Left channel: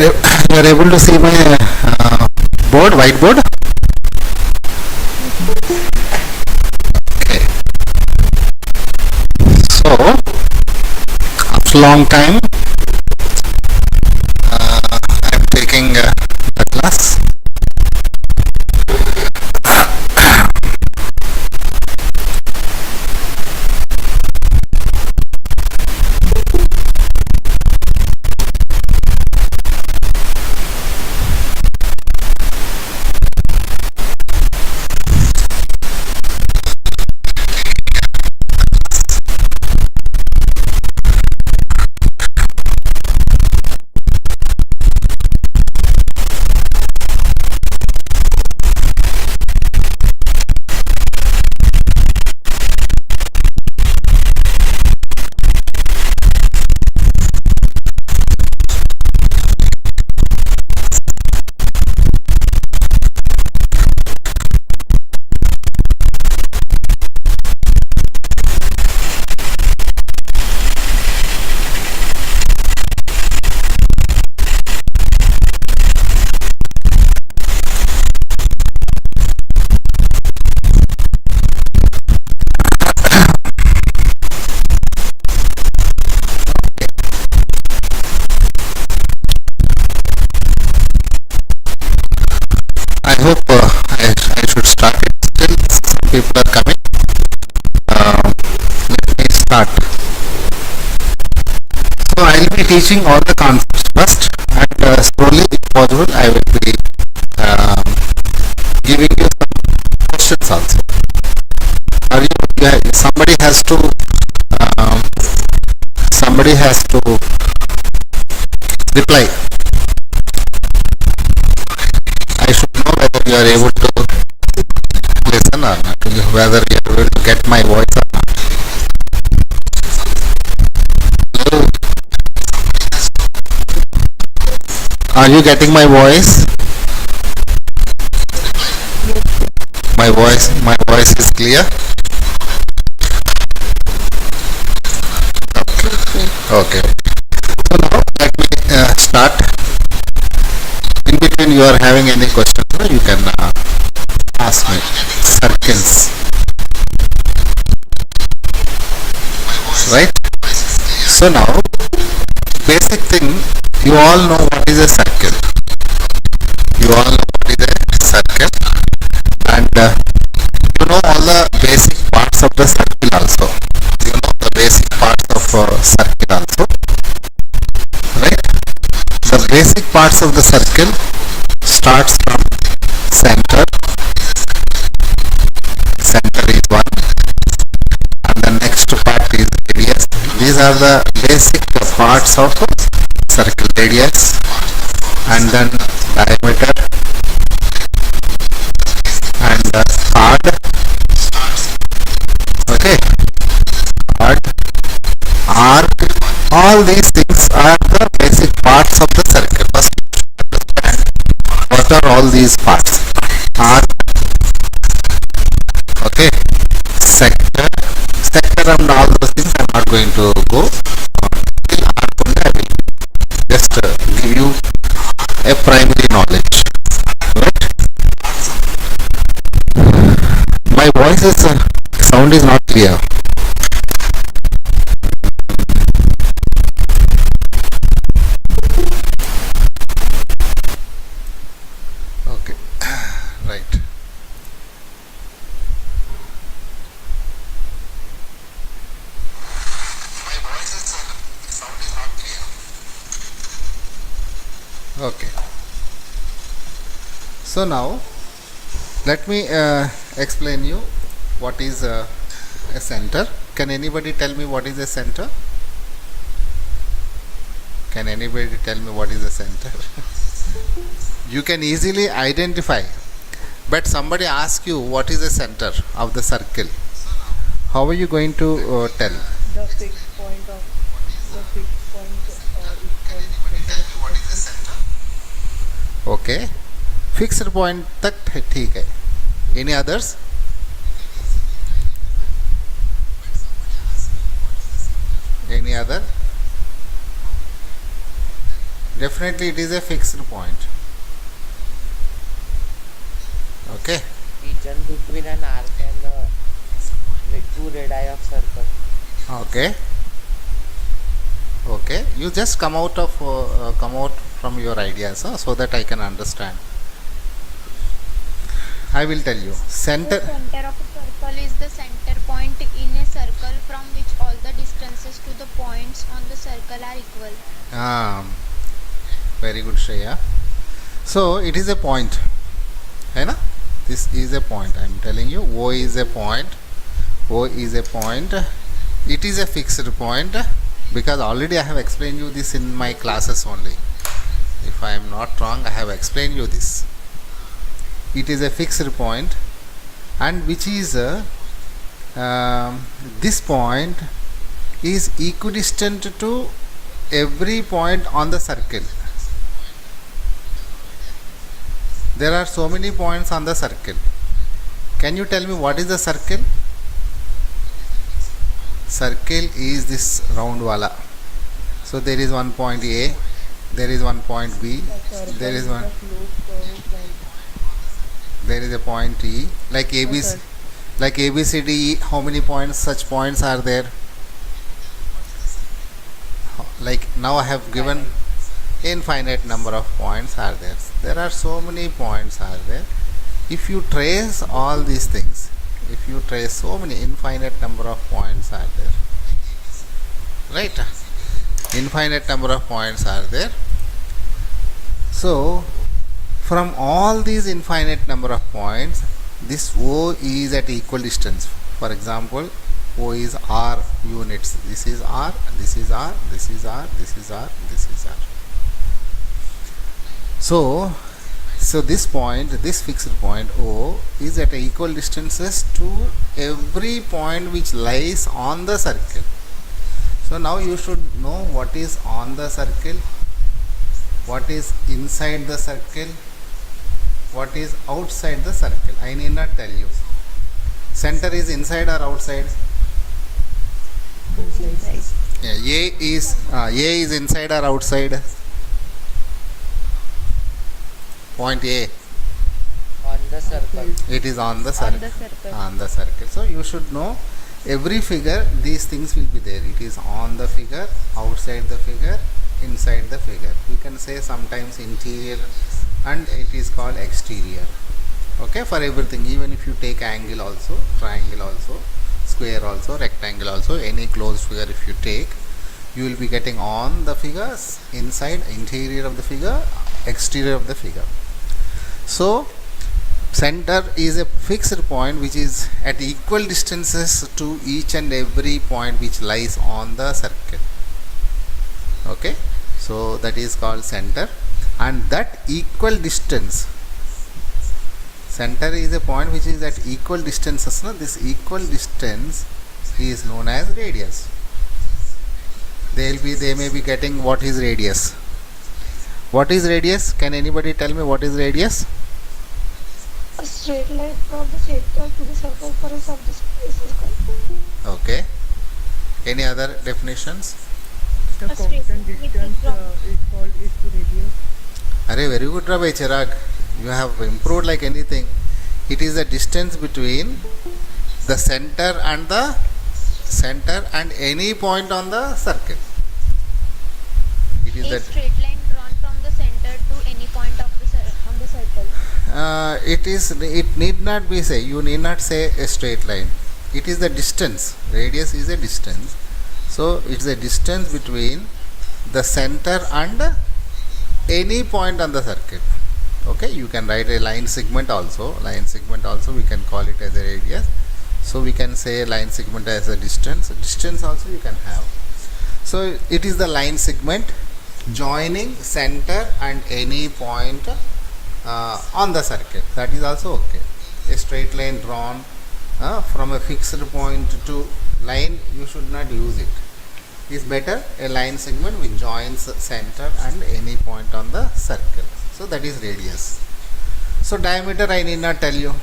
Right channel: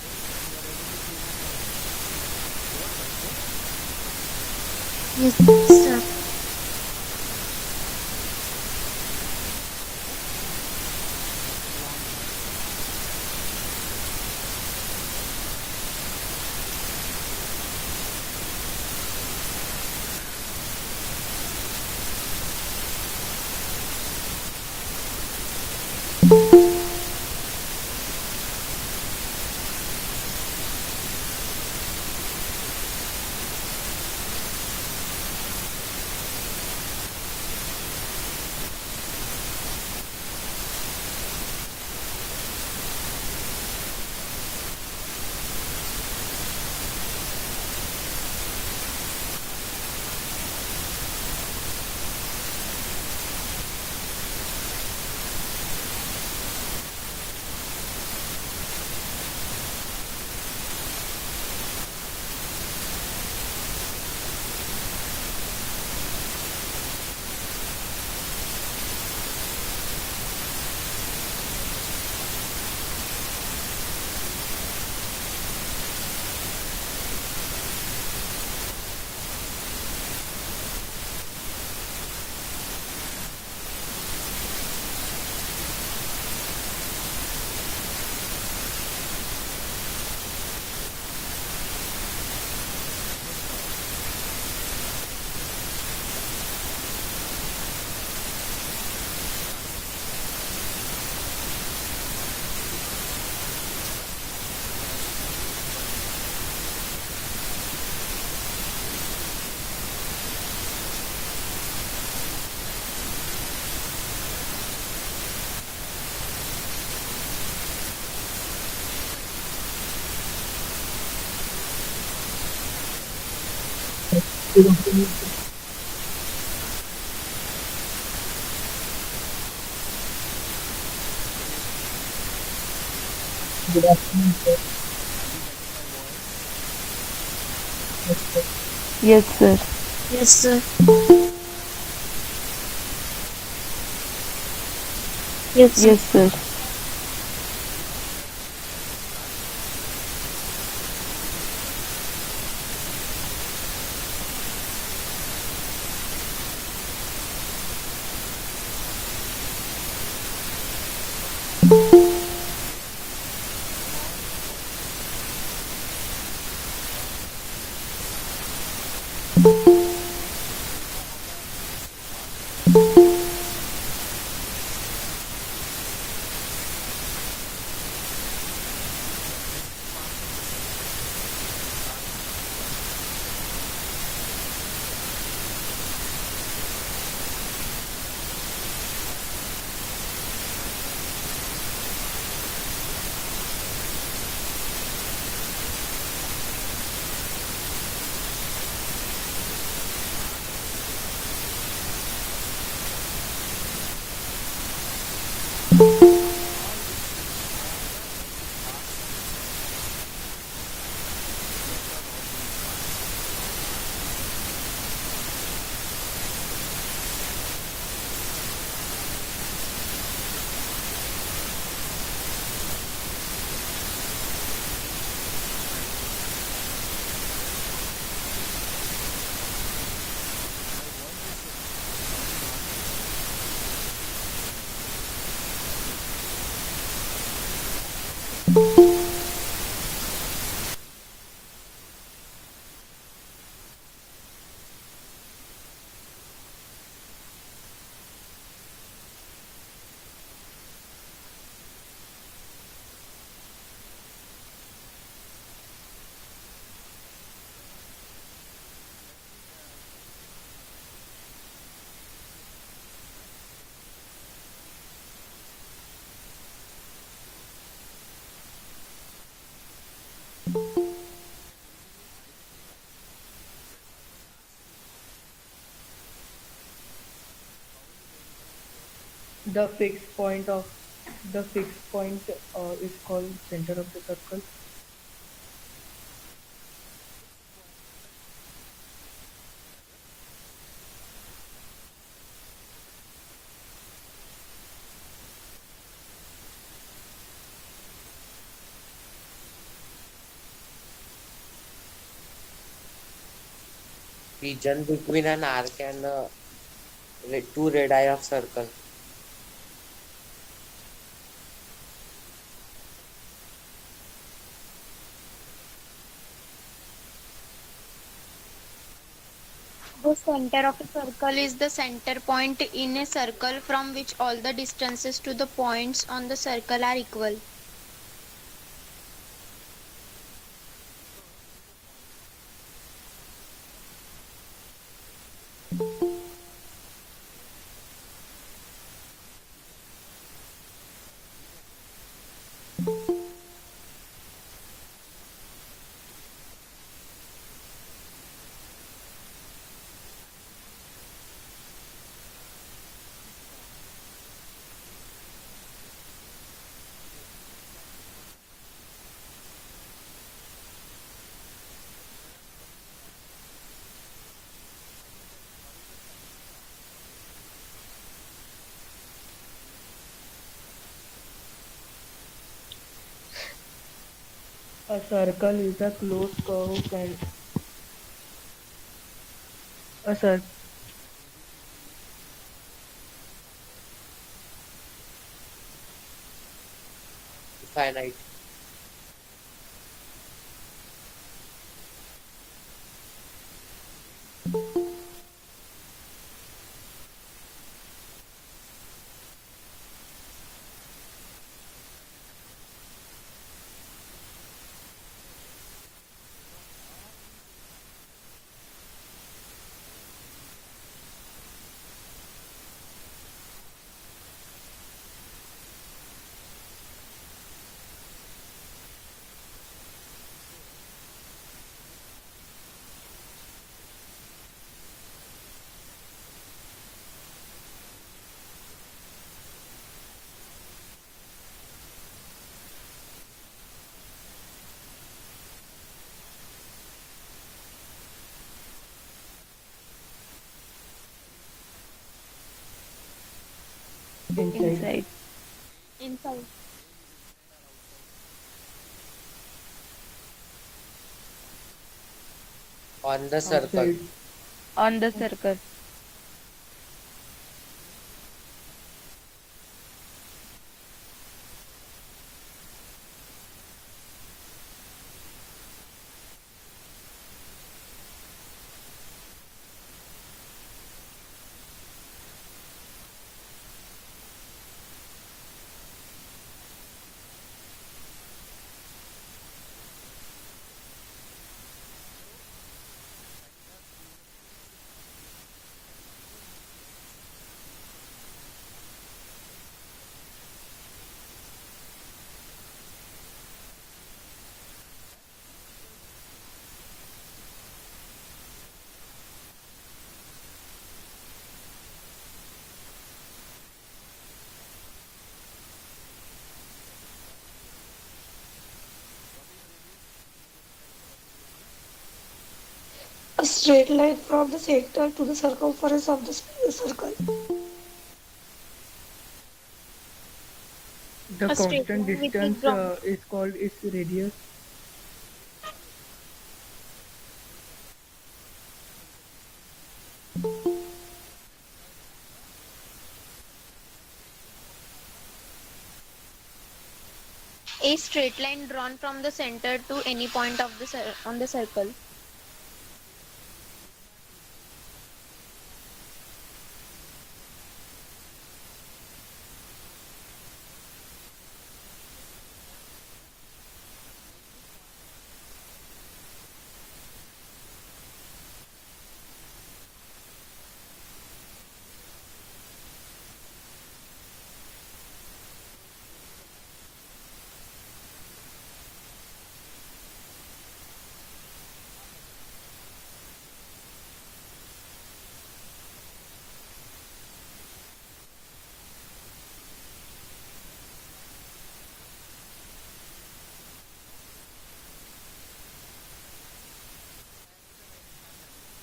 you are able to see my board, whiteboard? Yes, sir. Okay. So, after a long time, I am taking the class. I hope I should start it. Still, some people are coming. Let me start. So I will be teaching all the concepts first, and slowly, if possible, I will be giving you some questions also. Are somebody has to reply. I should know whether you are able to listen or not, whether you are able to get my voice or not. Hello? Are you getting my voice? Yes, sir. My voice is clear? Yes, sir. Okay. So now let me start. In between you are having any questions, you can ask me. Circles. Right? So now, basic thing, you all know what is a circle. You all know what is a circle. And you know all the basic parts of the circle also. You know the basic parts of circle also. Right? The basic parts of the circle starts from center. Center is one, and the next part is radius. These are the basic parts of circle. Radius, and then diameter, and chord. Okay, chord, arc. All these things are the basic parts of the circle. First, you should understand what are all these parts. Arc, okay, sector and all those things I am not going to go till arc only. I will just give you a primary knowledge. Right? My voice is sound is not clear. Okay. Right. Okay. So now let me explain you what is a center. Can anybody tell me what is a center? Can anybody tell me what is a center? You can easily identify, but somebody asks you what is the center of the circle. How are you going to tell? The fixed point is called center of the circle. Okay, fixed point तक ठीक है. Any others? Any other? Definitely it is a fixed point. Okay. Region between an arc and two radii of circle. Okay. Okay. You just come out from your ideas, so that I can understand. I will tell you. The Center. center of a circle is the center point in a circle from which all the distances to the points on the circle are equal. Very good, Shreya. So it is a point. है ना? This is a point. I am telling you. O is a point. O is a point. It is a fixed point because already I have explained you this in my classes only. If I am not wrong, I have explained you this. It is a fixed point, and which is this point is equidistant to every point on the circle. There are so many points on the circle. Can you tell me what is the circle? Circle is this round wala. So there is one point A, there is one point B, A circle there is is one, a closed curve and there is a point E, like a ABC, cir- like ABCD. How many points? Such points are there? Like now I have given Finite. infinite number of points are there. There are so many points are there. If you trace all these things, if you trace so many infinite number of points are there, right? Infinite number of points are there. So from all these infinite number of points, this O is at equal distance. For example, O is R units. This is R, this is R, this is R, this is R, this is R. So this point, this fixed point O is at equal distances to every point which lies on the circle. So now you should know what is on the circle, what is inside the circle, what is outside the circle. I need not tell you. Center is inside or outside? inside. Yeah, A is inside or outside? Point A. On the circle. Outside. It is on the circle. On the circle. On the circle. So you should know every figure. These things will be there. It is on the figure, outside the figure, inside the figure. We can say sometimes interior, and it is called exterior. Okay, for everything. Even if you take angle also, triangle also, square also, rectangle also, any closed figure if you take, you will be getting on the figures, inside, interior of the figure, exterior of the figure. So center is a fixed point which is at equal distances to each and every point which lies on the circle. Okay, so that is called center, and that equal distance, center is a point which is at equal distances. No? This equal distance is known as radius. They may be getting what is radius. What is radius? Can anybody tell me what is radius? A straight line from the center to the circumference of the circle. Okay. Any other definitions? The A straight constant line with distance the is called its radius. Arey, very good, Rabbi Chirag. You have improved like anything. It is the distance between the center and any point on the circle. It a is that, straight line drawn from the center to any point of the on the circle. it need not be say, you need not say a straight line. It is the distance. Radius is a distance. So it's a distance between the center and any point on the circle. Okay, you can write a line segment also. Line segment also we can call it as a radius. So we can say line segment as a distance. Distance also you can have. So it is the line segment joining center and any point on the circle. That is also okay. A straight line drawn from a fixed point to line, you should not use it. Is better a line segment which joins center and any point on the circle. So that is radius. So diameter I need not tell you.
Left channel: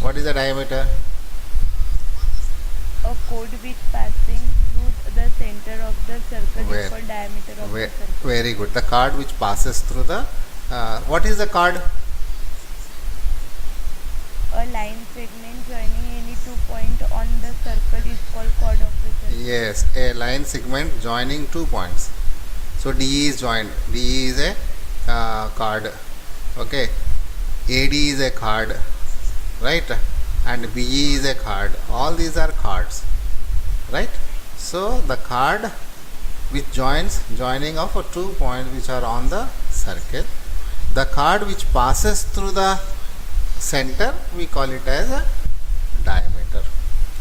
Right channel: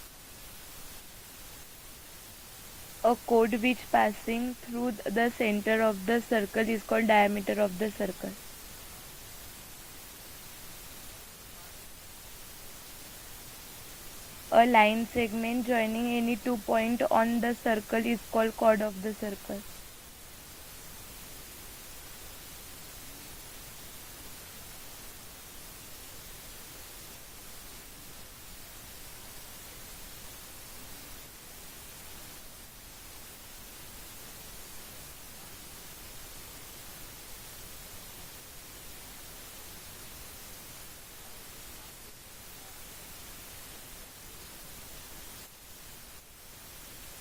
What is the diameter? A chord which passing through the center of the circle Where? is called diameter of the circle. Very good. The chord which passes through the what is the chord? A line segment joining any 2 points on the circle is called chord of the circle. Yes, a line segment joining 2 points. So D is joined. D is a chord. Okay. AD is a chord, right? And BE is a chord. All these are chords, right? So the chord which joining of 2 points which are on the circle. The chord which passes through the center, we call it as a diameter.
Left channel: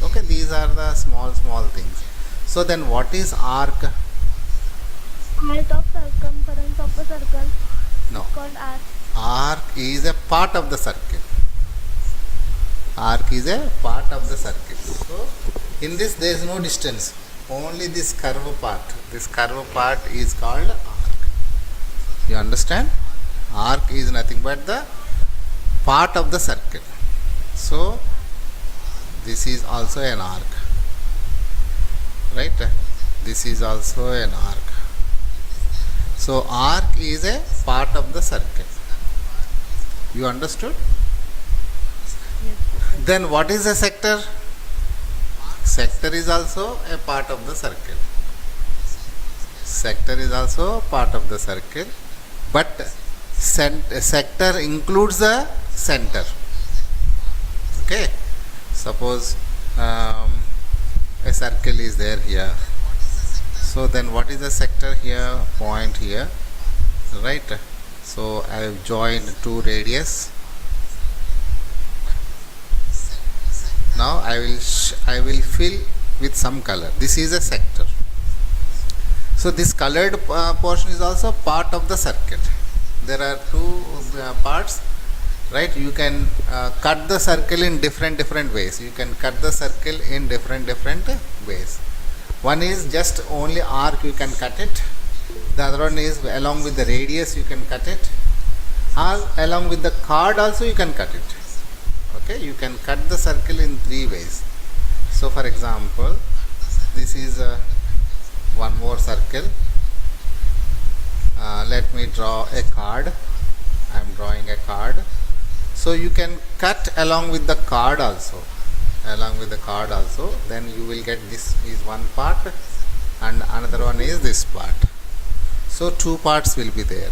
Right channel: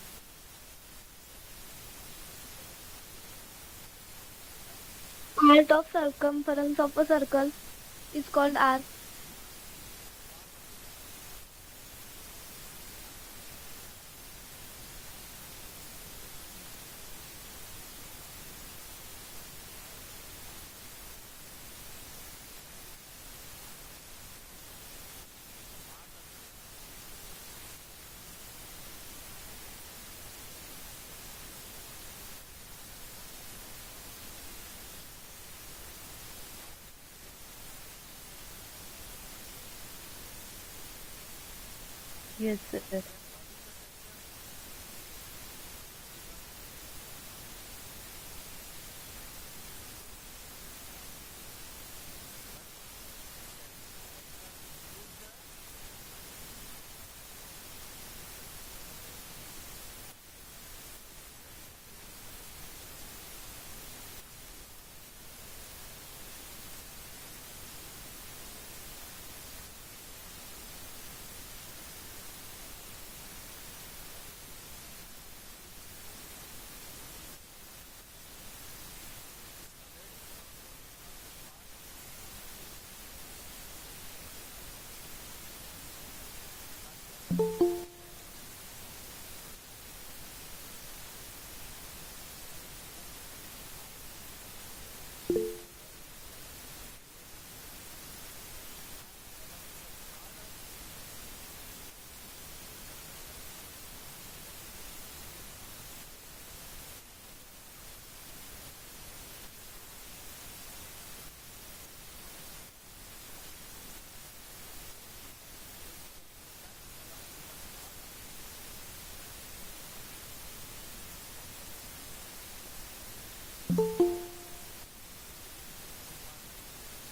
Okay, these are the small things. So then what is arc? Part of circumference of a circle No, is called arc. arc is a part of the circle. Arc is a part of the circle. So in this there is no distance, only this curve part. This curve part is called arc. You understand? Arc is nothing but the part of the circle. So this is also an arc, right? This is also an arc. So arc is a part of the circle. You understood? Yes, sir. Then what is a sector? Sector is also a part of the circle. Sector is also part of the circle, but sector includes the center. Okay, suppose a circle is there here. So then what is the sector here? Point here, right? So I have joined two radius. Now I will fill with some color. This is a sector. So this colored portion is also part of the circle. There are two parts, right? You can cut the circle in different ways. You can cut the circle in different ways. One is just only arc, you can cut it. The other one is along with the radius you can cut it, or along with the chord also you can cut it. Okay, you can cut the circle in three ways. So for example, this is one more circle. Let me draw a chord. I am drawing a chord. So you can cut along with the chord also. Then you will get this is one part and another one is this part. So two parts will be there.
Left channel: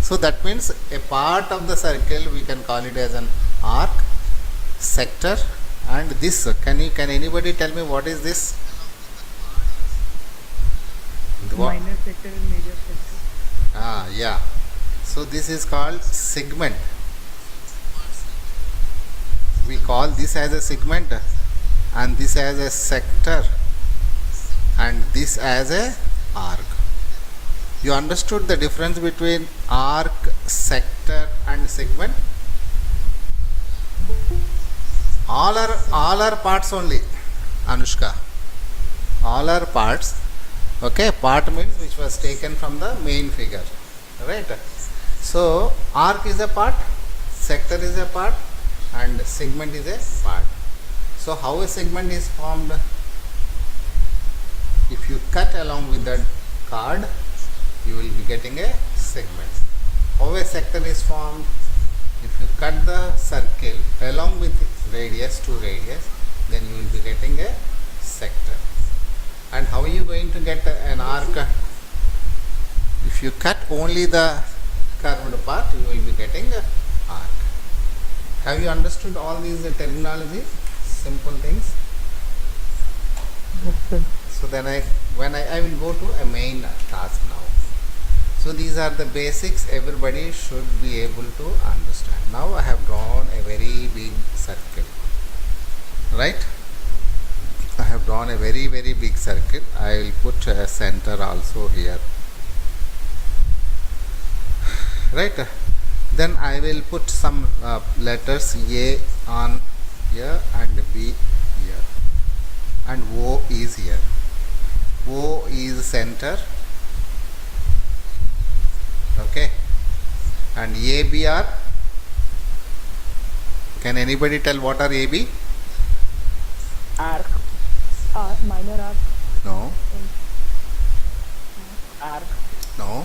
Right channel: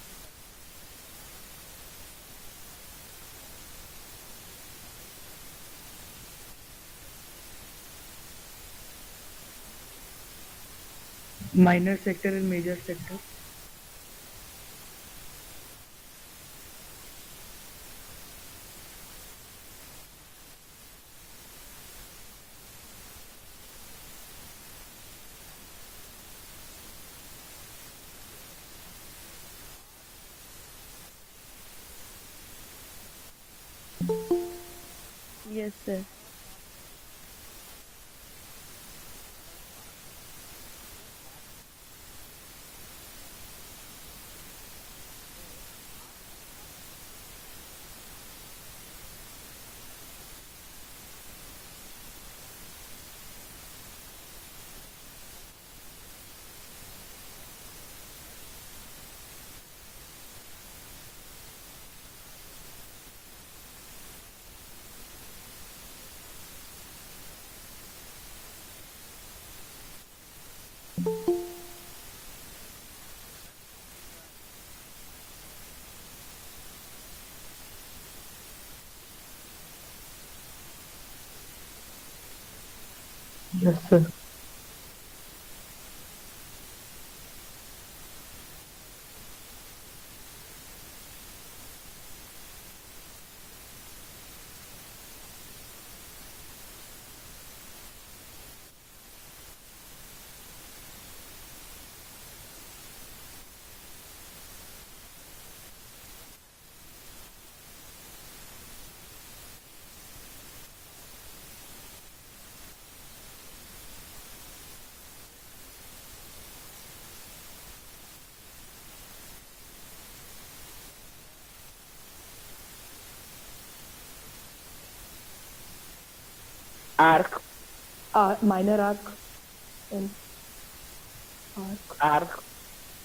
So that means a part of the circle we can call it as an arc, sector, and this. Can anybody tell me what is this? Minor sector and major sector. Yeah. So this is called segment. We call this as a segment, and this as a sector, and this as a arc. You understood the difference between arc, sector and segment? All are parts only, Anushka. All are parts. Okay, part means which was taken from the main figure, right? So arc is a part, sector is a part, and segment is a part. So how a segment is formed? If you cut along with the chord, you will be getting a segment. How a sector is formed? If you cut the circle along with radius to radius, then you will be getting a sector. And how are you going to get an arc? If you cut only the curved part, you will be getting an arc. Have you understood all these terminology? Simple things. Yes, sir. So then I will go to a main task now. So these are the basics everybody should be able to understand. Now I have drawn a very big circle, right? I have drawn a very big circle. I will put a center also here, right? Then I will put some letters A on here and B here, and O is here. O is center, okay, and AB are, can anybody tell what are AB? Arc. Minor arc No. and Arc. No.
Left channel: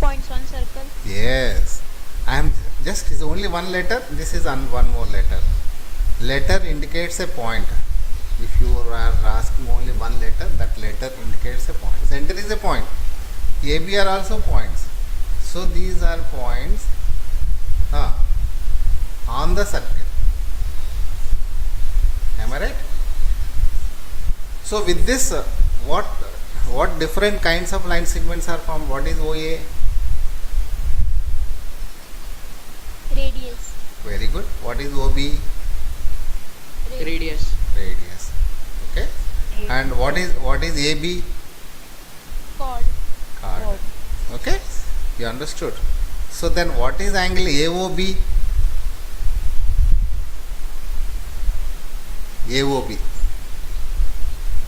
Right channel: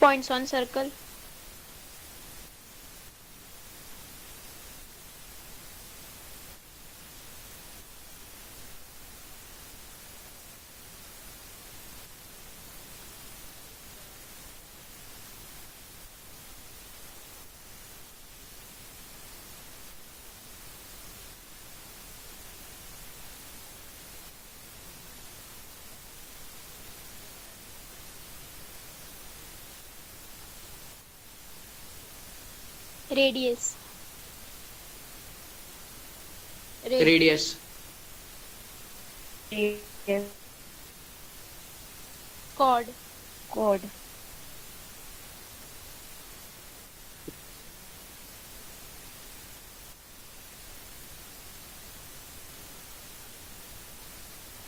Points on circle. Yes. I am just, is only one letter. This is one more letter. Letter indicates a point. If you are asking only one letter, that letter indicates a point. Center is a point. AB are also points. So these are points on the circle. Am I right? So with this, what different kinds of line segments are formed? What is OA? Radius. Very good. What is OB? Radius. Radius. Okay. And what is AB? Chord. Chord. Okay. You understood. So then what is angle AOB? AOB.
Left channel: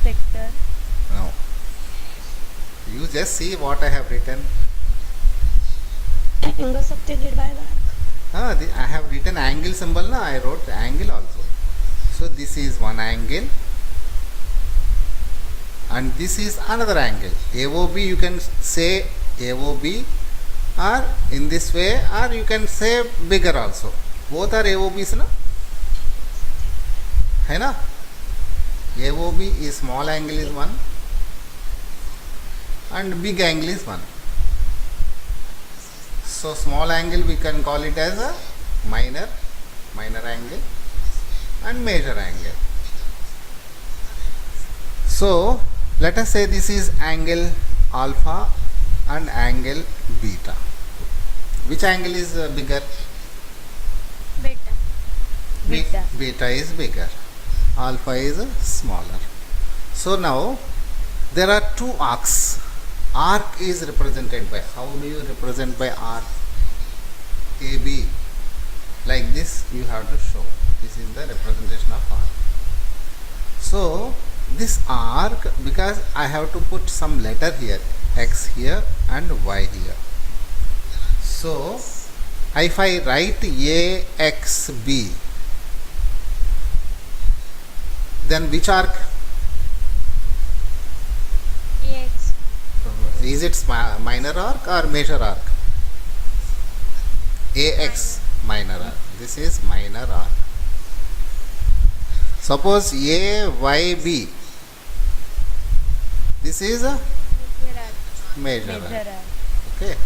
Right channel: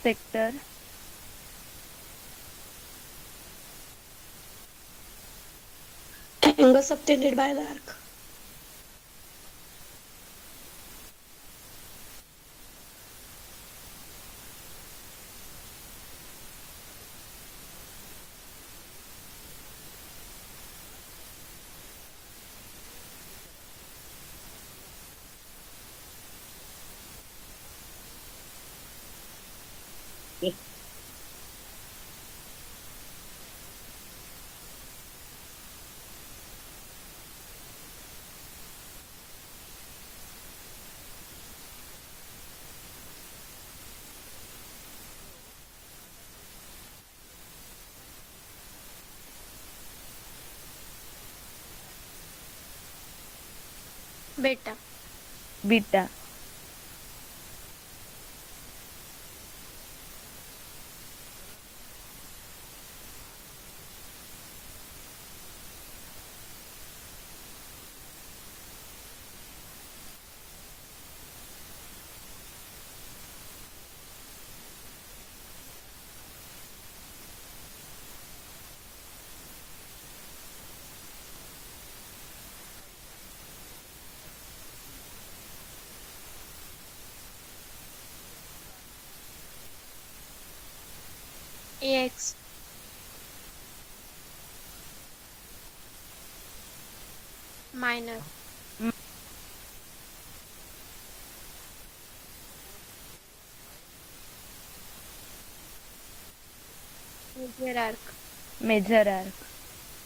Sector. No. You just see what I have written. Angle subtended by the arc. I have written angle symbol. Na? I wrote angle also. So this is one angle. And this is another angle. AOB, you can say AOB, or in this way, or you can say bigger also. Both are AOBs, na? Hai na? AOB is small angle is one, and big angle is one. So small angle we can call it as a minor angle, and major angle. So let us say this is angle alpha and angle beta. Which angle is bigger? Beta. Beta. Beta is bigger. Alpha is smaller. So now there are two arcs. Arc is represented by, how do you represent by arc? AB. Like this you have to show. This is the representation of arc. So this arc, because I have to put some letter here, X here and Y here. So if I write AXB, then which arc? AX. Is it minor arc or major arc? AX, minor arc. This is minor arc. Suppose AYB, this is a Major arc. major Major arc. arc. Okay,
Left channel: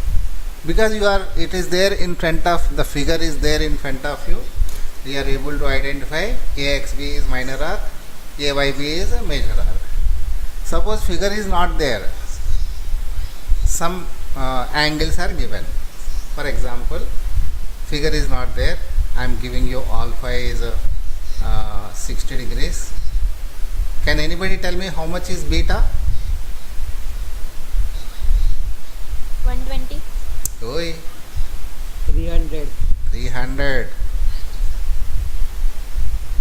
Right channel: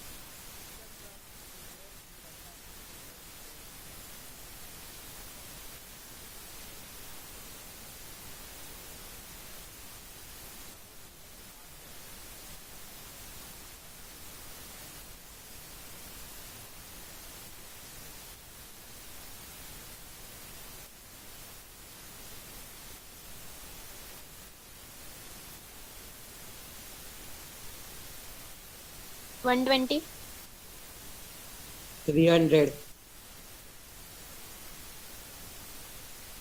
because it is there in front of, the figure is there in front of you, you are able to identify AXB is minor arc, AYB is a major arc. Suppose figure is not there, some angles are given. For example, figure is not there, I am giving you alpha is 60 degrees. Can anybody tell me how much is beta? 120. Oi, 300. 300.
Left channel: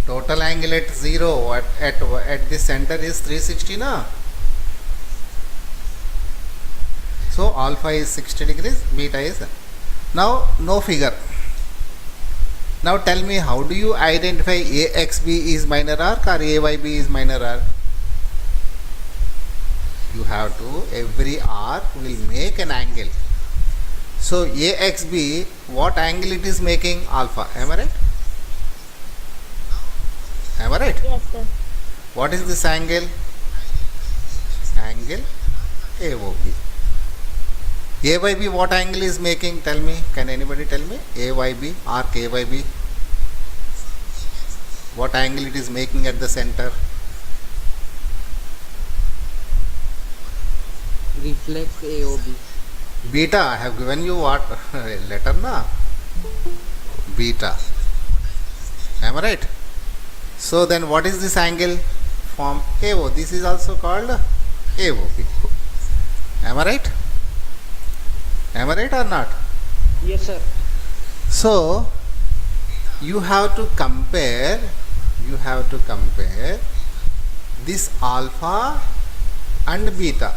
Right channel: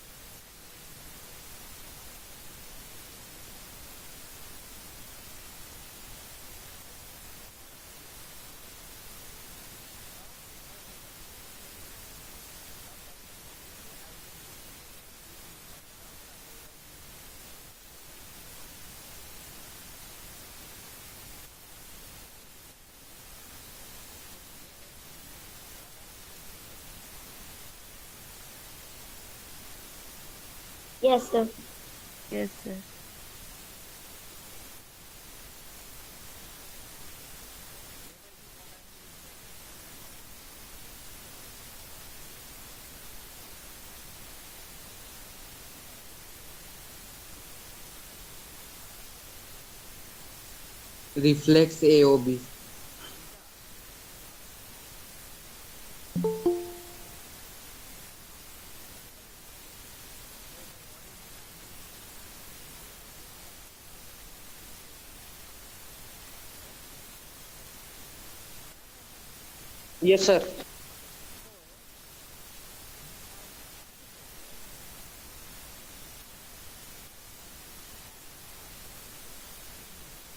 Total angle at 0 at the center is 360 na. So alpha is 60 degrees, beta is. Now no figure. Now tell me, how do you identify AXB is minor arc or AYB is minor arc? You have to, every arc will make an angle. So AXB, what angle it is making? Alpha. Am I right? Am I right? Yes, sir. What is this angle? Angle AOB. AYB, what angle is making? Tell me. Can anybody tell me? AYB, arc AYB. What angle it is making at the center? Reflex AOB. Beta. I have given you what letter na? Beta. Am I right? So then what is this angle? Form AO. This is also called AOB. Am I right? Am I right or not? Yes, sir. So you have to compare this alpha and beta.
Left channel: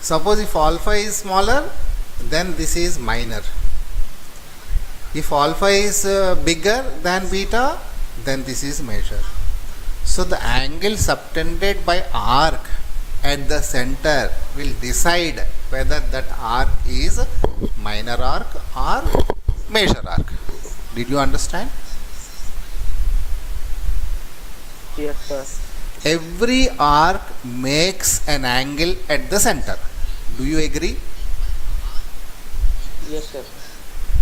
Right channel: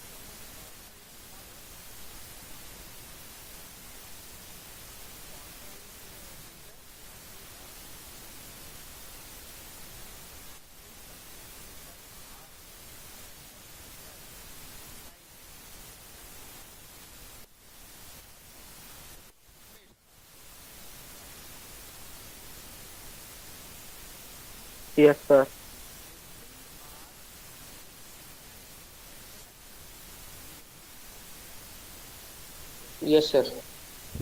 Suppose if alpha is smaller, then this is minor. If alpha is bigger than beta, then this is measure. So the angle subtended by arc at the center will decide whether that arc is minor arc or major arc. Did you understand? Yes, sir. Every arc makes an angle at the center. Do you agree? Yes, sir.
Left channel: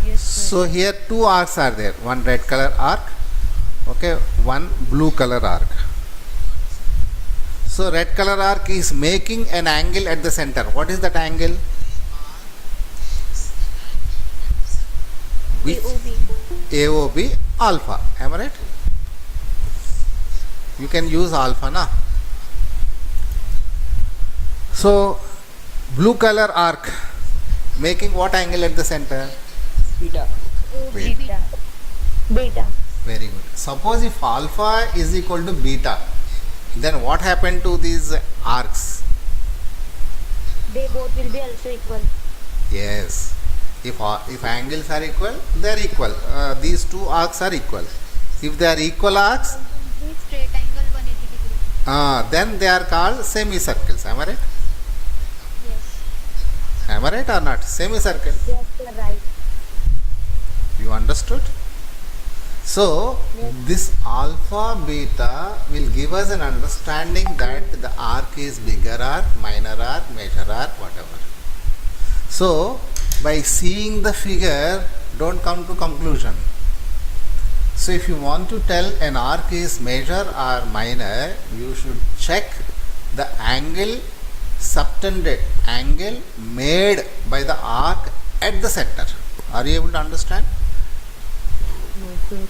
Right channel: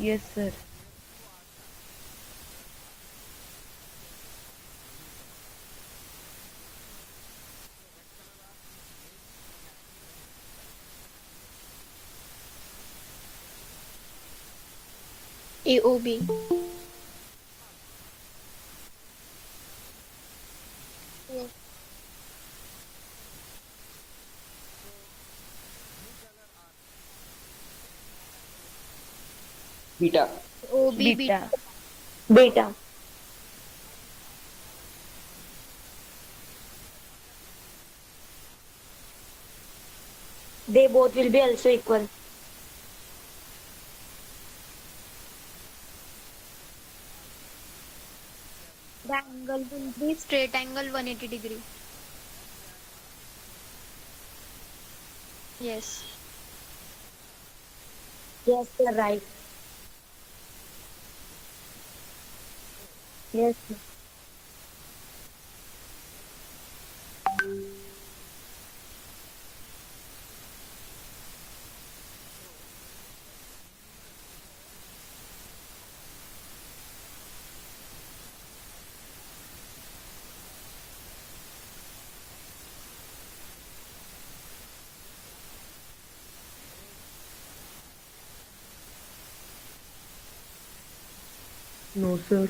Yes, sir. So here two arcs are there. One red color arc, okay, one blue color arc. So red color arc is making an angle at the center. What is that angle? AOB. AOB alpha. Am I right? You can use alpha, na? So blue color arc making what angle at the center? Beta. Beta. Beta. Very good. Suppose if alpha is equal to beta, then what happened to these arcs? They both will be also equal. Yes. If angles are equal, they are equal. These two arcs are equal. If they are equal arcs, Angle will be straight angle 180 degree. then they are called semicircles. Am I right? Yes. Am I right or not? Semicircle. Yes, sir, right. You understood? So, Yes. this alpha beta will give us an understanding that the arc is bigger arc, minor arc, major arc, whatever. So, by seeing the figure, don't come to conclusion. So, if you want to tell an arc is major or minor, you should check the angle subtended, angle made by the arc at the center. Are you able to understand? No, sir.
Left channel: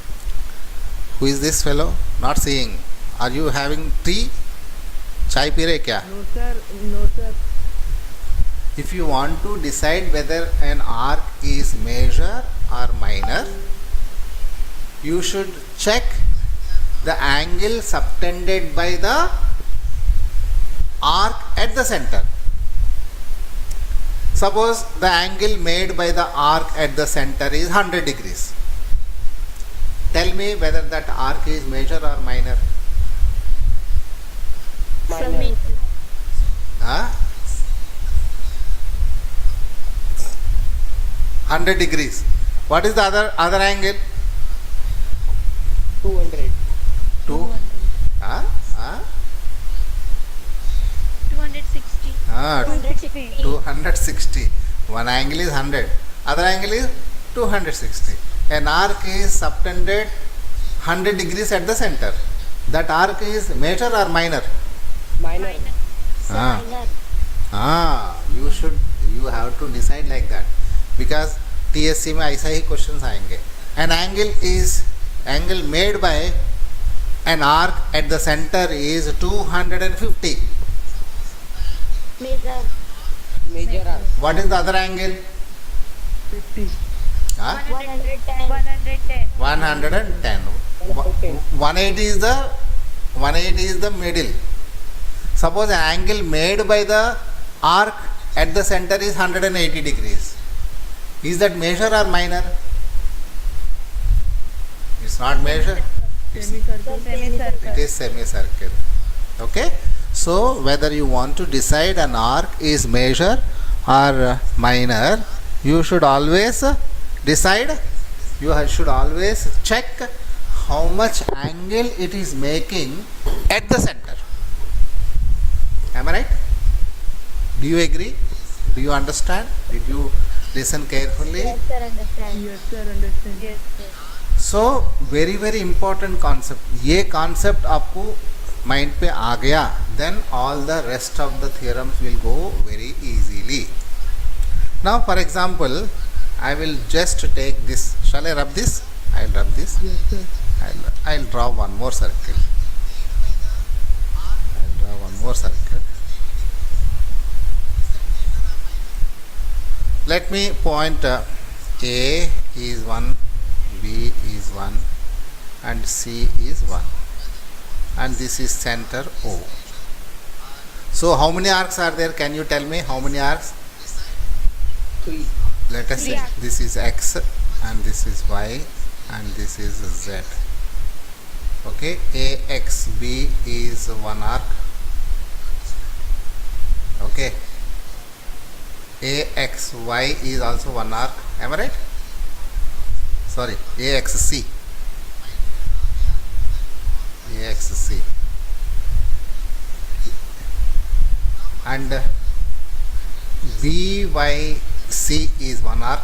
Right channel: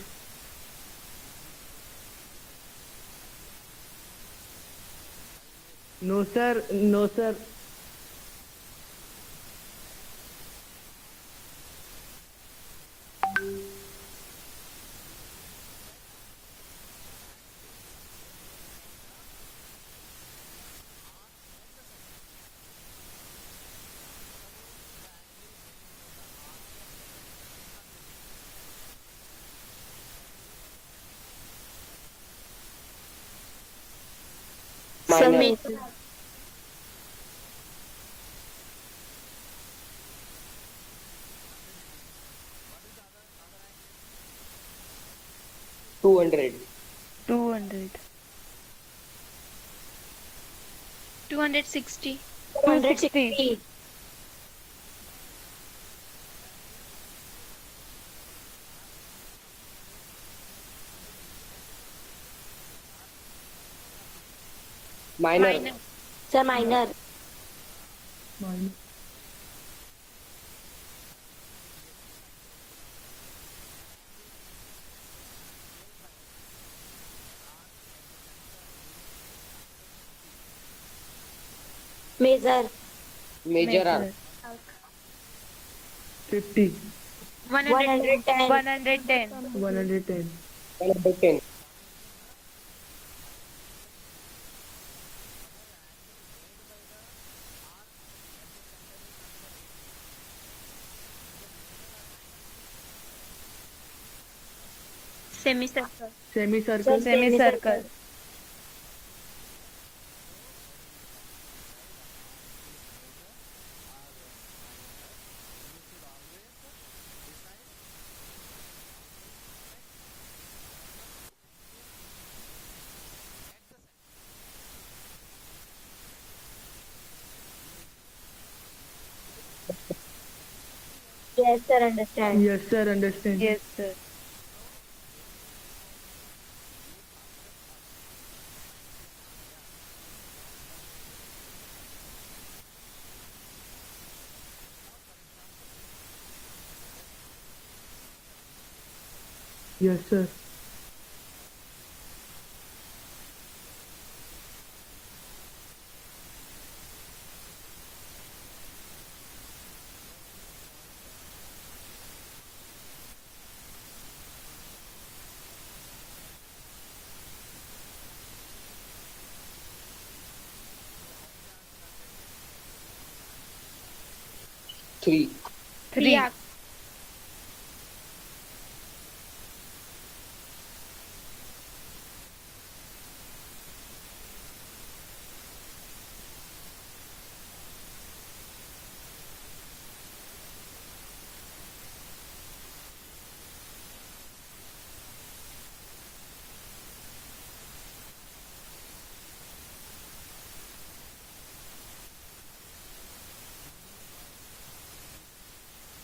Who is this fellow? Not seeing. Are you having tea? Chai pee rahe kya? No, sir. No, sir. If you want to decide whether an arc is major or minor, you should check the angle subtended by the arc at the center. Suppose the angle made by the arc at the center is 100 degrees. Tell me whether that arc is major or minor. Sir, Minor. major. Huh? 100 degrees. What is the other angle? 200. 200. Huh? Huh? 260. 260. 260. One angle is 100. Other angle is 260. An arc is subtended 100 degrees at the center. That arc is major or minor? Minor. Minor. Sir, Ah. minor. You have to decide like that, because TSC में ऐसा ही questions आएंगे. An angle made by an arc at the center is 250. Major. Major arc. What is the other angle? 50. Huh? 110. 110. 110. 110. 180 is the middle. Suppose an angle made by the arc at the center is 180 degrees. Is that major or minor? It's not major. Semicircle. Semicircle. It is semicircle. Okay. So whether you want to decide an arc is major or minor, you should always decide. You should always check how much angle it is making at the center. Am I right? Do you agree? Do you understand? Did you listen carefully? Yes, sir, understand. Yes, sir, understand. Yes, sir. So very important concept. ये concept आपको mind पे आ गया, then all the rest of the theorems will go very easily. Now for example, I will just take this. Shall I rub this? I'll rub this. Yes, sir. I'll draw one more circle. I'll draw one more circle. Let me point A is 1, B is 1 and C is 1, and this is center O. So how many arcs are there? Can you tell me how many arcs? 3. Let us Three see. arcs. This is X and this is Y and this is Z. Okay, AXB is one arc. Okay, AXY is also one arc. Am I right? Sorry, AXC. AXC. And BYC is one arc.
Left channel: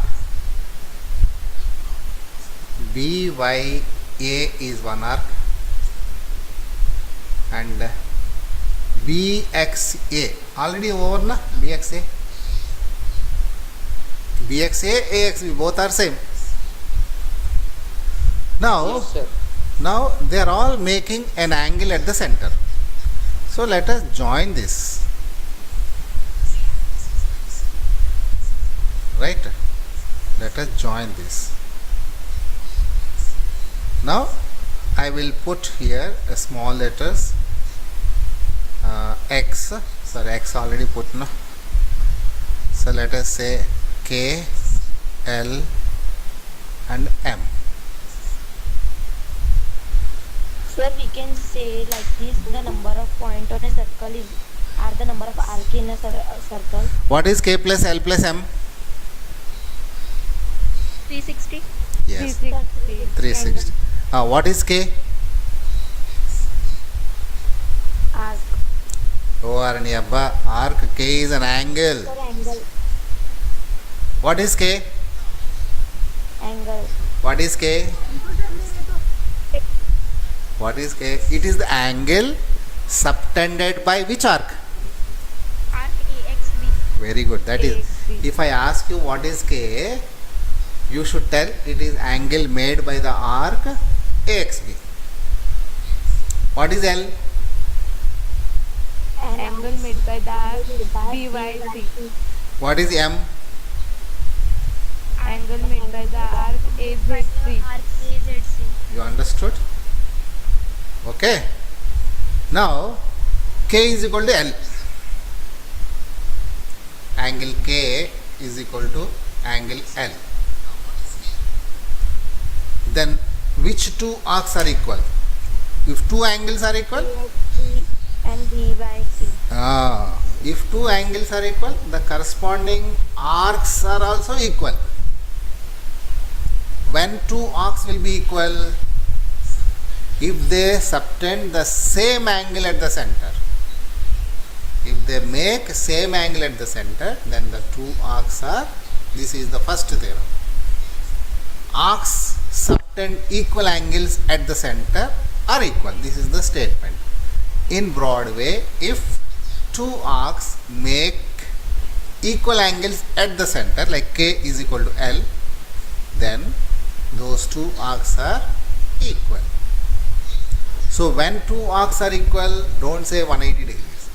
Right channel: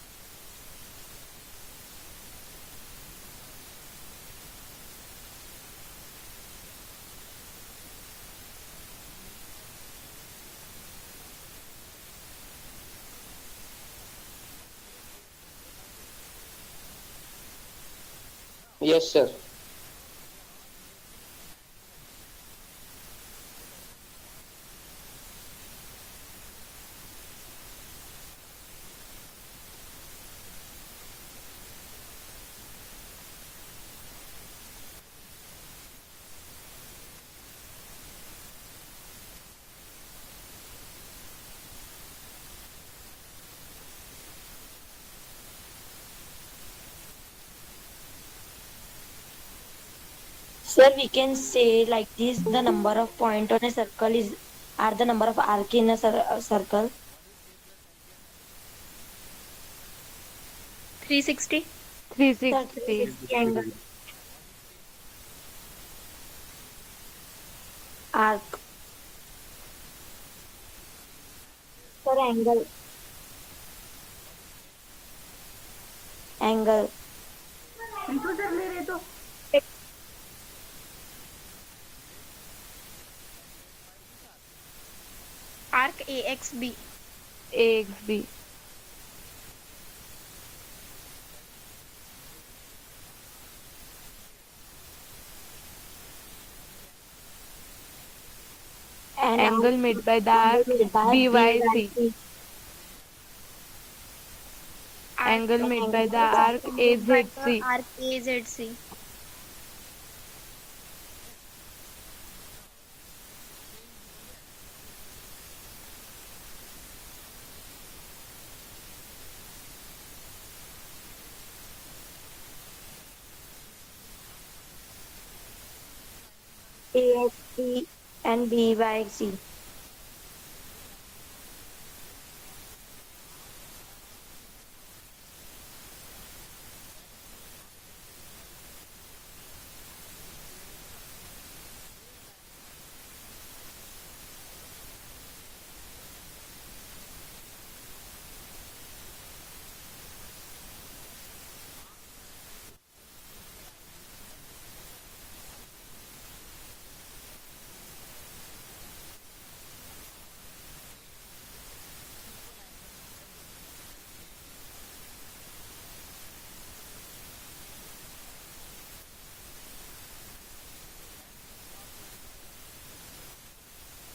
BYA is one arc. And BXA already over na. BXA, AXB both are same. Now, Yes, sir. now they are all making an angle at the center. So let us join this. Right? Let us join this. Now I will put here a small letters X. Sorry, X already put no. So let us say K, L and M. Sir, we can say like this: the number of point on a circle is are the number of arc in a circle. What is K plus L plus M? 360. Yes, 360. 360. What is K? Arc. Oh, Aranyabba, arc K is an angle. Sir, angle. What is K? Angle. What is K? What is K? It is the angle subtended by which arc? Arc AXB. Very good. That is, AXB. if I ask you what is K, you should tell it is angle made by the arc AXB. What is L? And Angle made by the arc BYC. What is M? Angle made by the arc AZC. Arc AZC. You understood? Okay. Now K is equal to L. Angle K is equal to angle L. Then which two arcs are equal? If two angles are equal, AXC and BYC. if two angles are equal, the corresponding arcs are also equal. When two arcs will be equal? If they subtend the same angle at the center. If they make same angle at the center, then the two arcs are, this is the first theorem. Arcs subtend equal angles at the center are equal. This is the statement. In broad way, if two arcs make equal angles at the center, like K is equal to L, then those two arcs are equal. So when two arcs are equal, don't say 180 degrees.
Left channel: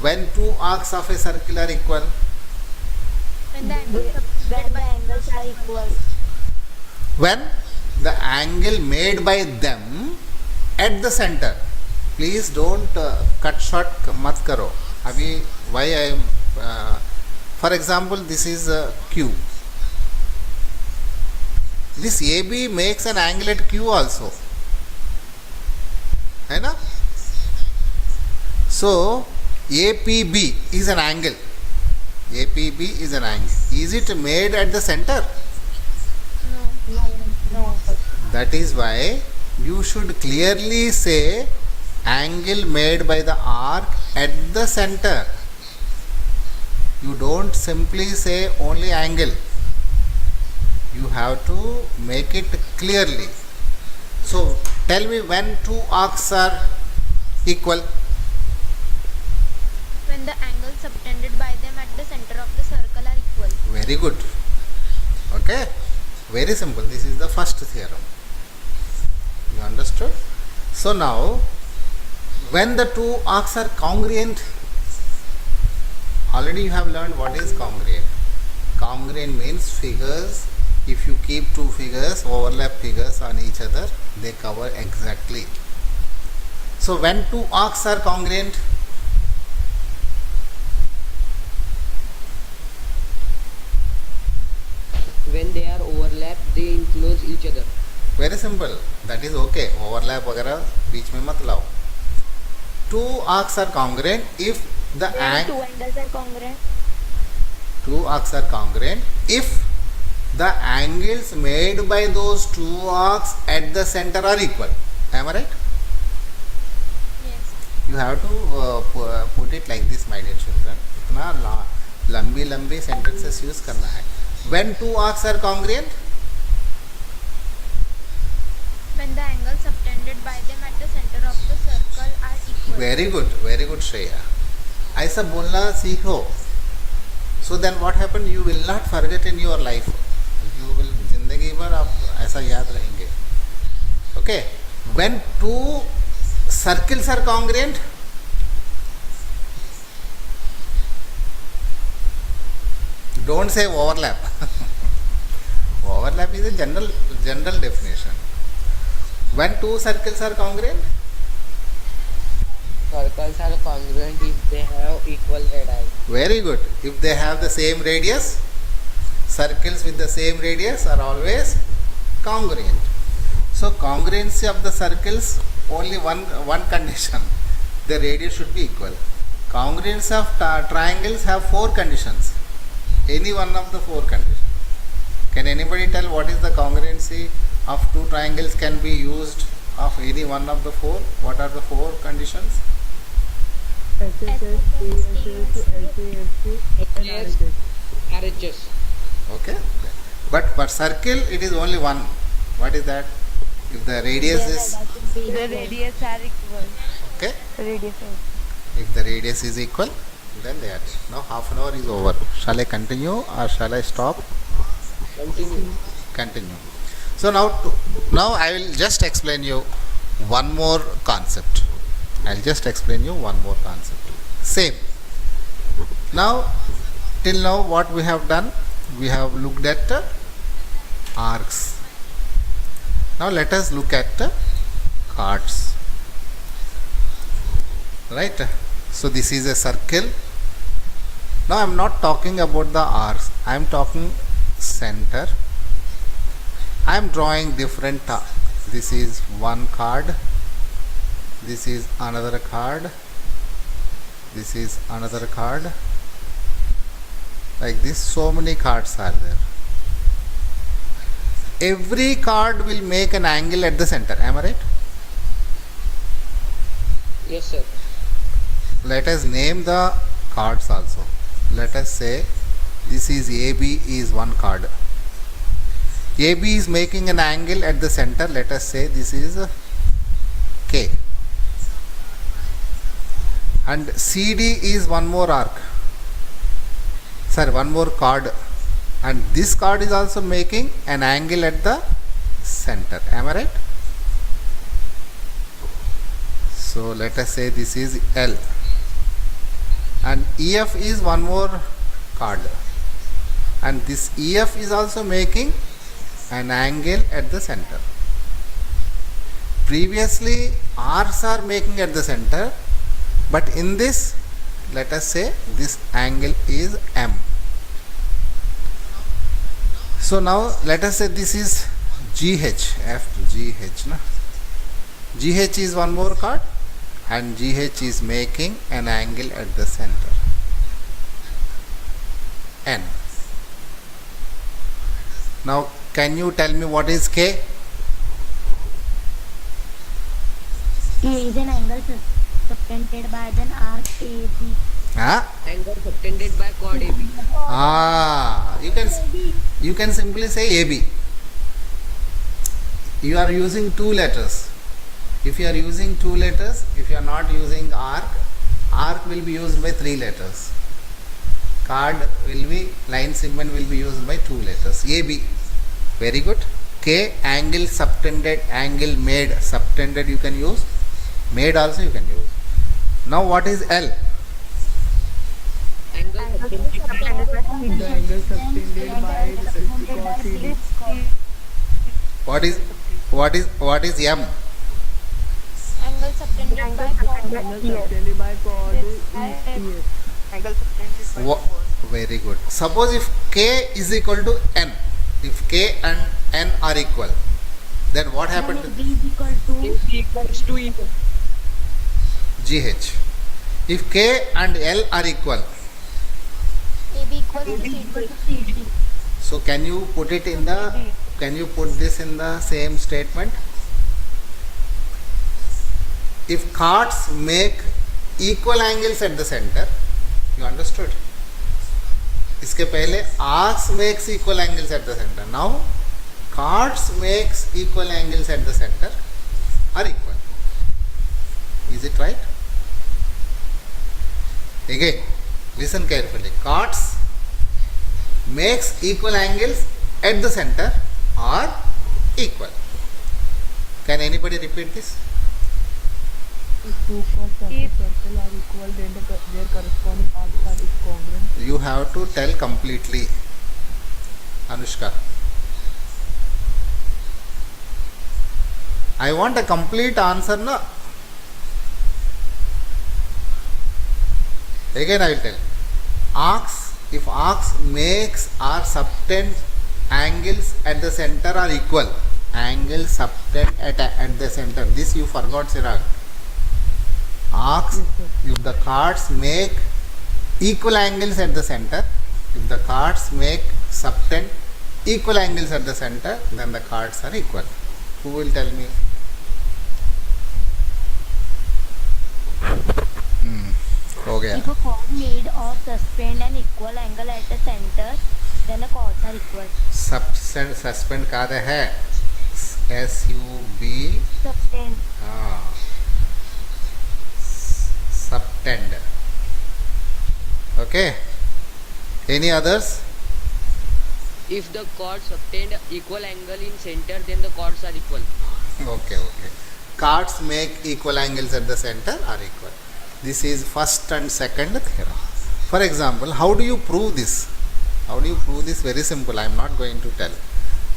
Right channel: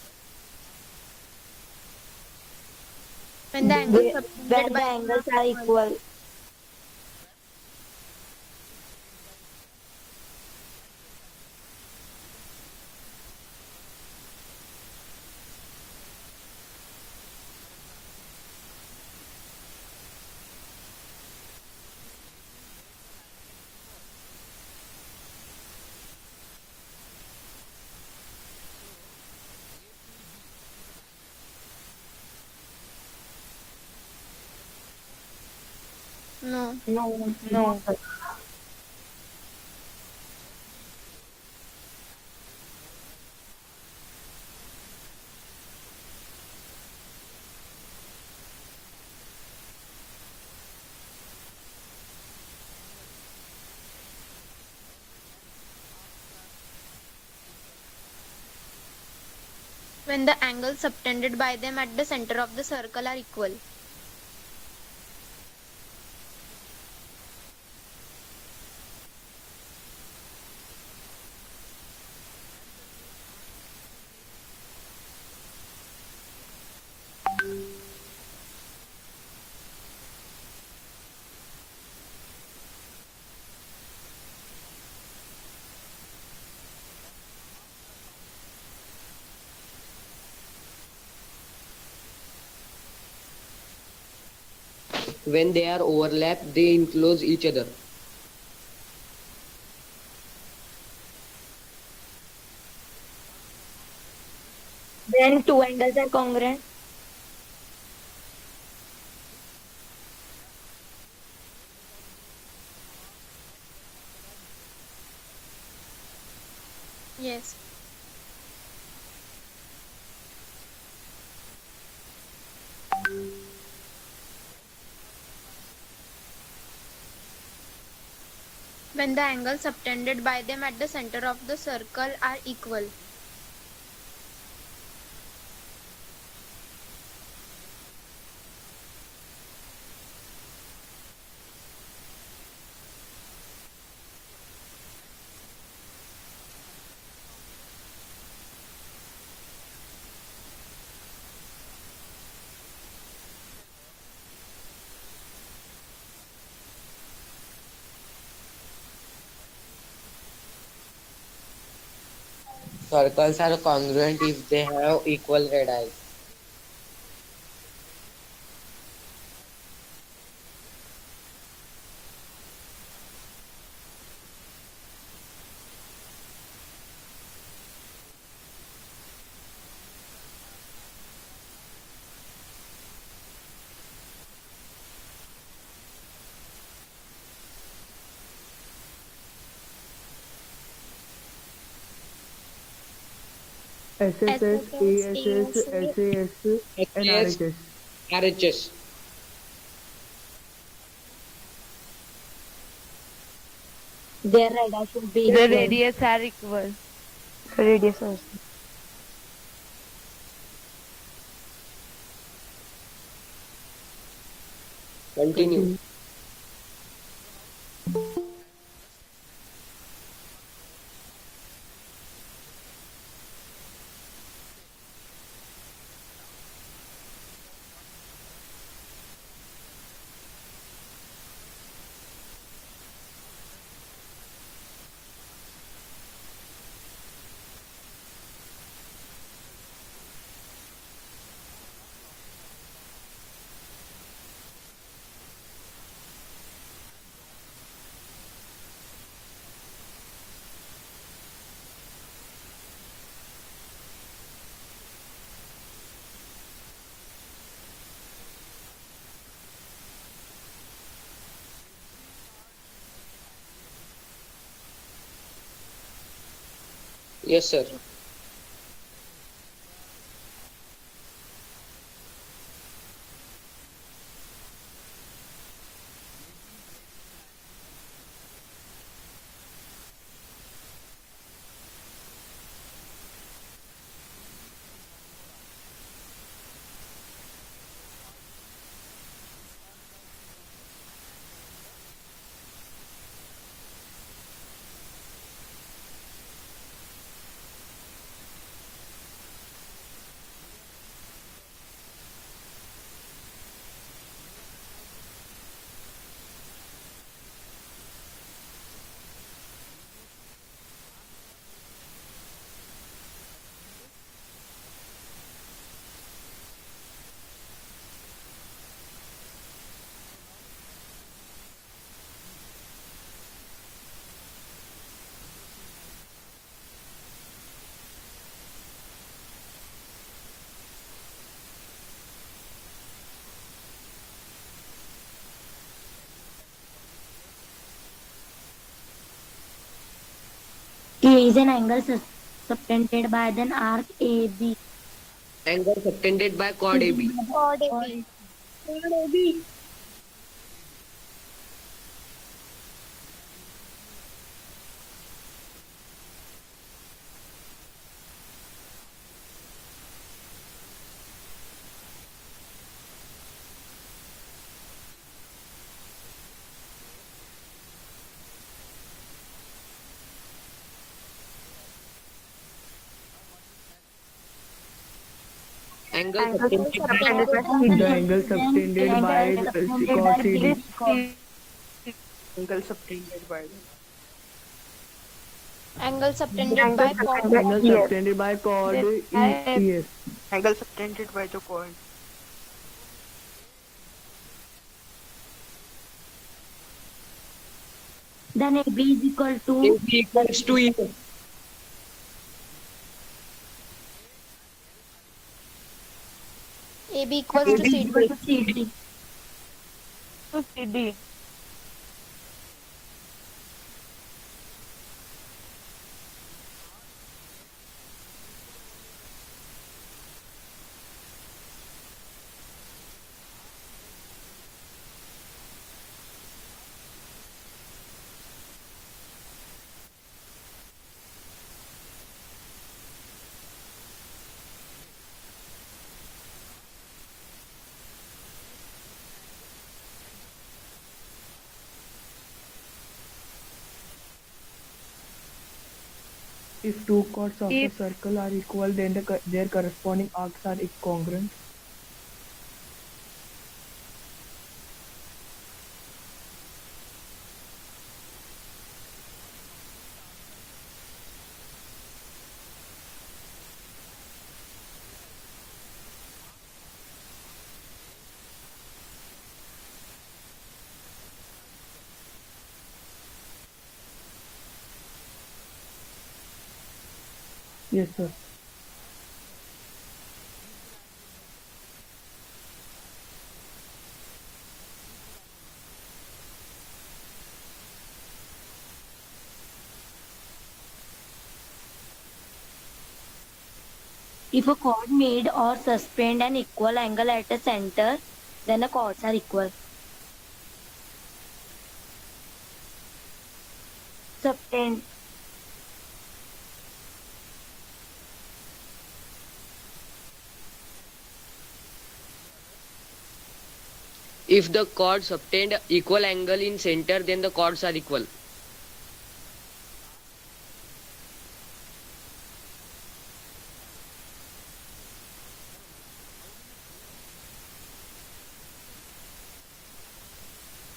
When two arcs of a circle are equal, When the angle When subtended the by angles are equal. when the angle made by them at the center. Please don't cut short mat karo. Abhi why I am for example, this is Q. This AB makes an angle at Q also. है ना? So APB is an angle. APB is an angle. Is it made at the center? No. No. That is why you should clearly say angle made by the arc at the center. You don't simply say only angle. You have to make it clearly. So tell me when two arcs are equal. When the angles subtended by them at the center of the circle are equal. Very good. Okay. Very simple. This is the first theorem. You understood? So now, when the two arcs are congruent, already you have learned what is congruent. Congruent means figures, if you keep two figures, overlap figures on each other, they cover exactly. So when two arcs are congruent, When they are overlapped, they enclose each other. very simple. that is okay. Overlap वगैरह बीच में मत लाओ. Two arcs are congruent if the Then two angles are congruent. two arcs are congruent if the angles made by those two arcs at the center are equal. Am I right? Yes. You have to put it like this, my dear children. इतना लंबी sentences use करना है. When two arcs are congruent, When the angles subtended by them at the center of the circle are equal. very good Shreya. ऐसा बोलना सीखो. So then what happened? You will not forget in your life. You will जिंदगी भर आप ऐसा याद रहेंगे. Okay. When two circles are congruent, don't say overlap. Overlap is a general definition. When two circles are congruent, Circles are congruent if they have equal radii. very good. If they have the same radius, circles with the same radius are always congruent. So congruency of the circles, only one condition, the radius should be equal. Congruence of triangles have four conditions. Any one of the four conditions. Can anybody tell what is the congruency of two triangles can be used of any one of the four? What are the four conditions? SSS, ESS, SAS, and RHS. RHS. Okay. But for circle it is only one. What is that? If the radius Their is radii should be The equal. radius are equal. okay, Radius also. if the radius is equal, then they are. Now half an hour is over. Shall I continue or shall I stop? Continue. Continue. So now I will just explain you one more concept. I'll just explain you one more concept. Same. Now, till now what we have done? We have looked at arcs. Now let us look at chords. Right? So this is a circle. Now I am not talking about the arcs. I am talking center. I am drawing different. This is one card. This is another card. This is another card. Like this, so many cards are there. Every card will make an angle at the center. Am I right? Yes, sir. Let us name the cards also. Let us say this is AB is one card. AB is making an angle at the center. Let us say this is K. And CD is one more arc. Sorry, one more card. And this card is also making an angle at the center. Am I right? So let us say this is L. And EF is one more card. And this EF is also making an angle at the center. Previously R's are making at the center, but in this, let us say this angle is M. So now let us say this is GH, F GH. Na? GH is one more card and GH is making an angle at the center. N. Now can you tell me what is K? K is an angle subtended by an arc AB. Angle subtended by chord AB. You can simply say AB. You are using two letters. If you are using two letters, if you are not using arc will be used by three letters. Card will be, line segment will be used by two letters. AB. Very good. K, angle subtended, angle made, subtended you can use. Made also you can use. Now what is L? Angle subtended by The angle subtended by cos CD. What is M? Angle subtended by chord. Angle subtended by chord ES. Angle subtended by the point. Very good. Suppose if K is equal to N, if K and N are equal, Then what Then happened AB is equal to AB equals to E. to GH? If K and L are equal, AB equals to AB is CD. equal to CD. so can you put it in the, CD. can you put this in the same statement? If chords make equal angles at the center, you understood? इसके पहले arcs makes equal angles at the center. Now chords makes equal angles at the center are equal. Is it right? Again, listen carefully. Chords makes equal angles at the center are equal. Can anybody repeat this? If two chords of a If- circle are equal, then their corresponding arcs are congruent. You have to tell completely. Anushka. I want a complete answer, no? Again I will tell. Arcs, if arcs makes or subtend angles at the center are equal. Angles subtend at the center. This you forgot, Siraj. Arcs, Yes, sir. if the chords make equal angles at the center, if the chords make subtend equal angles at the center, then the chords are equal. Who will tell me? हो गया. If a chord made or suspend an equal angle at the center, then the chords are equal. Suspend कार्य है SUB Subtend. subtend. Okay. Any others? If the chords obtained equal angle in center, then the chords are equal. Okay. Chords make equal angles at the center are equal. This is first and second theorem. For example, how do you prove this? How do you prove this? Very simple. I am not going to tell.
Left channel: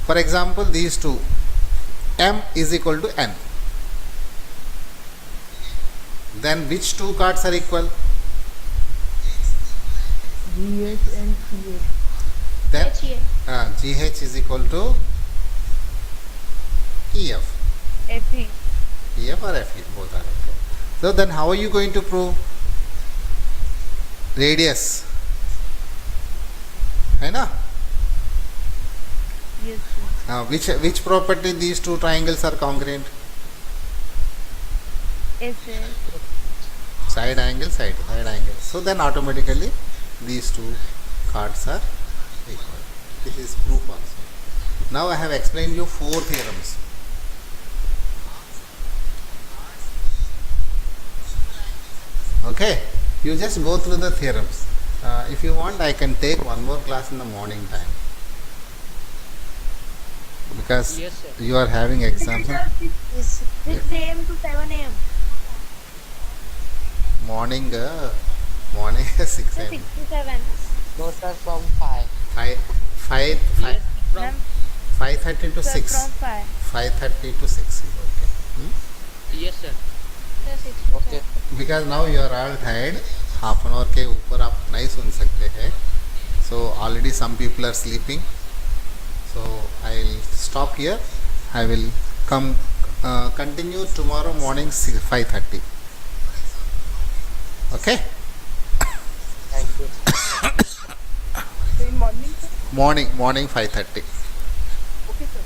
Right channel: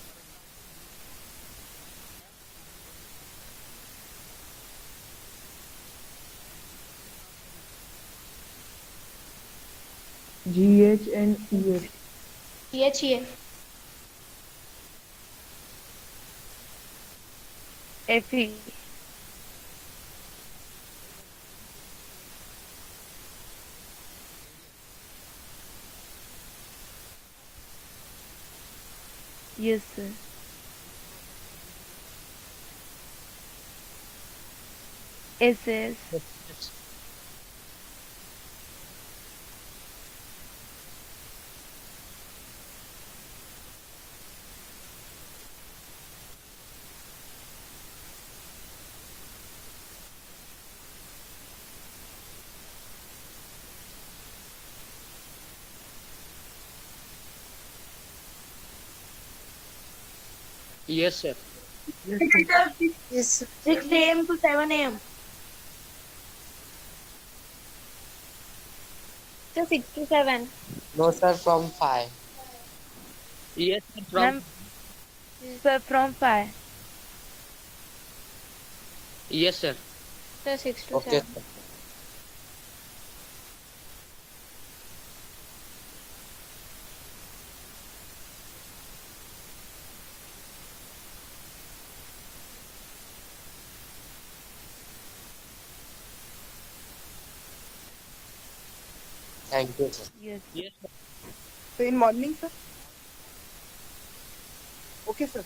For example, these two, M is equal to N. Then which two chords are equal? GH and EH. Then HEA. GH is equal to EF. FE. EF or FE, both are okay. So then how are you going to prove? Radius. है ना? Yes, sir. Which property these two triangles are congruent? SS. Side angle, side angle. So then automatically these two chords are equal. This is proof also. Now I have explained you 4 theorems. Okay, you just go through the theorems. If you want, I can take one more class in the morning time, because Yes, sir. you are having exams. Yes. 6 a.m. to 7 a.m. Morning 6 So a.m. 6 to 7. No, sir, from 5. 5 Yes, from Ma'am, 5:30 to sir, 6. from 5. 5:30 to 6 is okay. yes, sir. So 6 to Okay. 7. Because now you are all tired. Half an hour के ऊपर आप नहीं सुन सकते हैं. So already some people are sleeping. So I'll stop here. I will continue tomorrow morning 5:30. Okay. Thank you, sir. So in morning, sir? Morning 5:30. Okay, sir.